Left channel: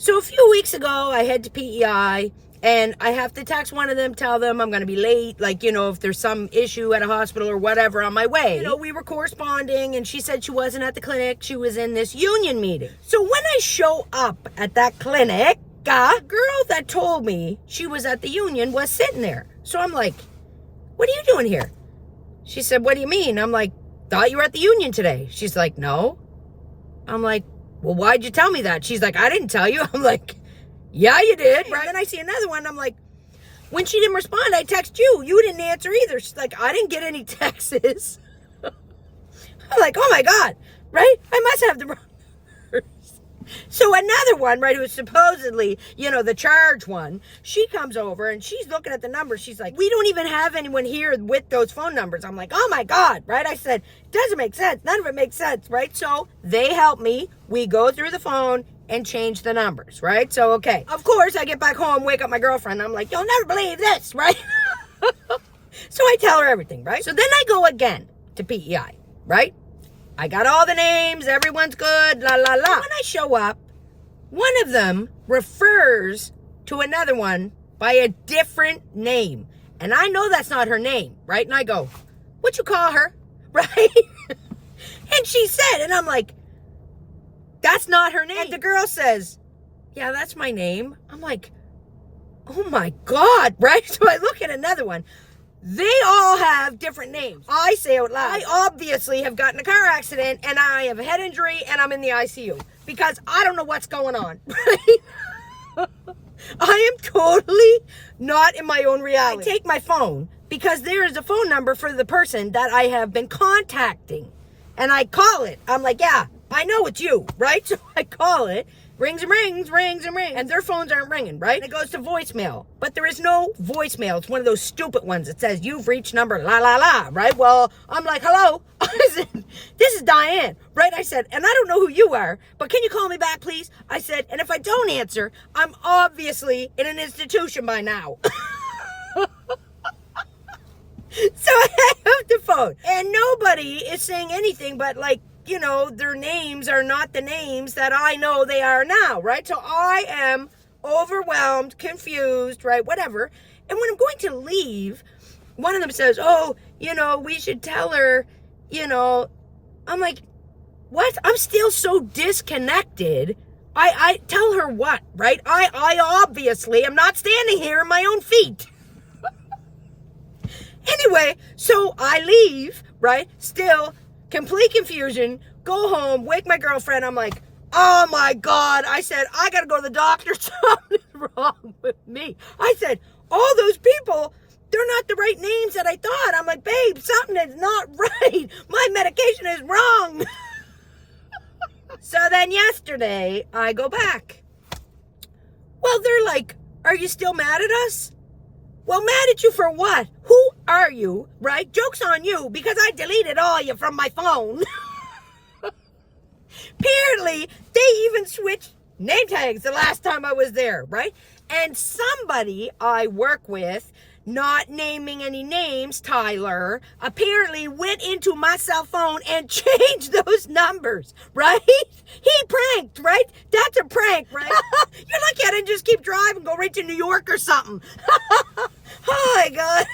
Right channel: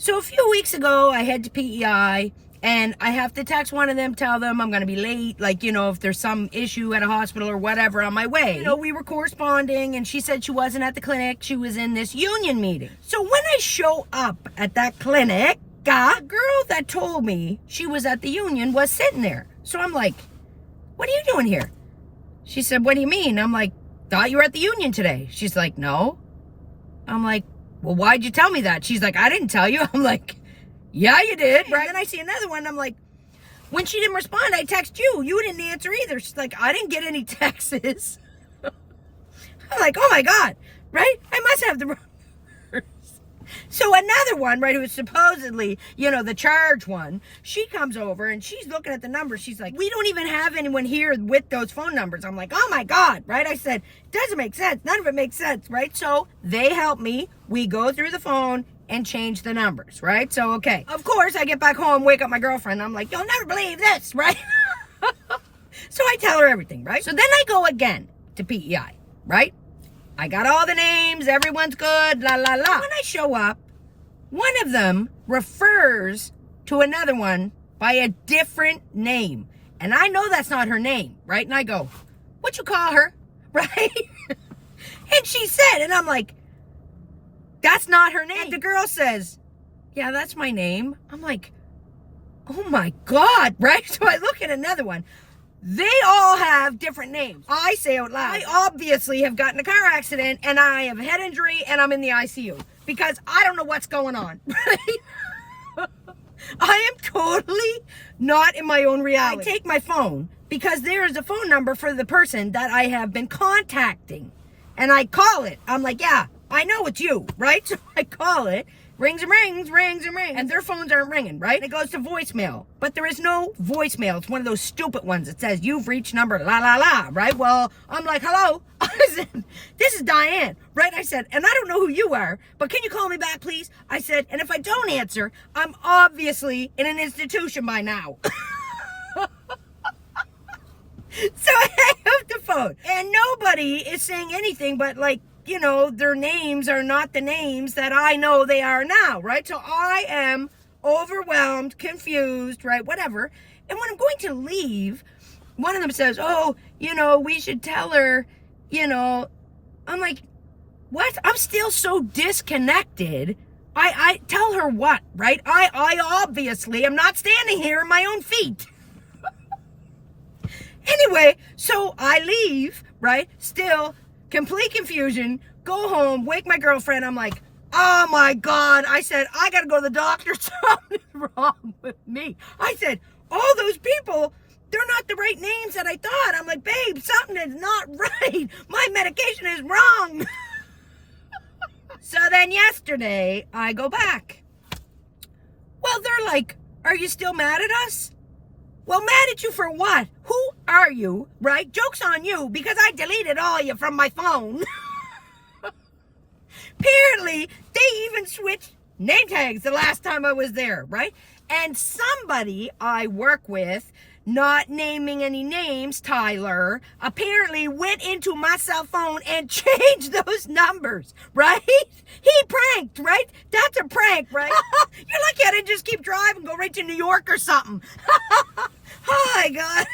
So a few weeks ago, I head to PEI, and I have to text one of them, tell them I'm going to be late, like, if there's some issue at a hospital or whatever on my way. We were corresponding, and she said she wasn't at the clinic. She was in this union meeting. So when I show up at that clinic, the girl that told me she was at the union was sitting there. So I'm like, what are you doing here? She said, what do you mean? I'm like, thought you were at the union today. She's like, no. I'm like, well, why'd you tell me that? She's like, I didn't tell you. I'm like, yeah, you did, right? And then I see another one. I'm like, when she didn't respond, I text you. You didn't answer either. She's like, I didn't get any texts. I'm like, oh my God, right? I must have the wrong numbers. So another one, right, who is supposedly, the charge one, she comes over and she's looking at the numbers. She's like, we don't even have anyone here with those phone numbers. I'm like, oh my God, right? I said, doesn't make sense. None of it makes sense, right? So they help me. We go through the phone and change the numbers, right? So, okay. Of course, I get back home, wake up my girlfriend. I'm like, you'll never believe this, right? So I tell her everything, right? So then I go again to PEI, right? I got all the names, everyone's good, la, la, la. When I show up, one of them refers to another one by a different name. And I know that's not her name, right? And I go, what you call her, right? And she said, and I'm like, that's not her name. And the girl says, yeah, that's my name. I'm like, oh my God, right? So I look at another one. They all have different names. I say out loud, I obviously have gotten a car accident and I have a head injury and I'm in the ICU because I don't know what's going on. I am totally not in my own reality. I take my phone because there is a phone number for the person that I have been contacting and I call it. I'm like, yeah, I know it's you, right? So I call it. Rings and rings, rings and rings. And their phones aren't ringing, right? And it goes to voicemail. But there is no voicemail. It's one of those stupid ones that says, you've reached number la la la, right? Well, I'm like, hello? I said, this is Diane, right? I said, and I don't know who you are, but can you call me back, please? I said, and if I don't answer, I'm obviously in an institution by now. So I hang up the phone. And nobody is saying anything but like, their names are not the names that I know they are now, right? So I am overwhelmed, confused, right? Whatever. And when I'm going to leave, one of them says, oh, we should tell her, I'm like, what? I'm still so disconnected. I tell her what, right? I obviously am not standing here on my own feet. Anyway, so I leave, right? Still complete confusion, go home, wake my girlfriend. I'm like, oh my God. I said, I got to go to the doctor. Something's wrong with me. I said, all those people, they're not the right names that I thought. I'm like, babe, something is not right. My medication is wrong. So then yesterday, I go back. Well, they're like, are you still mad at us? Well, mad at you for what? Who are you, right? Joke's on you because I deleted all you from my phone. Apparently, they even switched name tags the last time I was there, right? And somebody I work with, not naming any names, Tyler, apparently went into my cell phone and changed those numbers, right? He pranked, right? That's a prank, right? You're lucky I didn't just keep driving, go right to New York or something. Oh my God.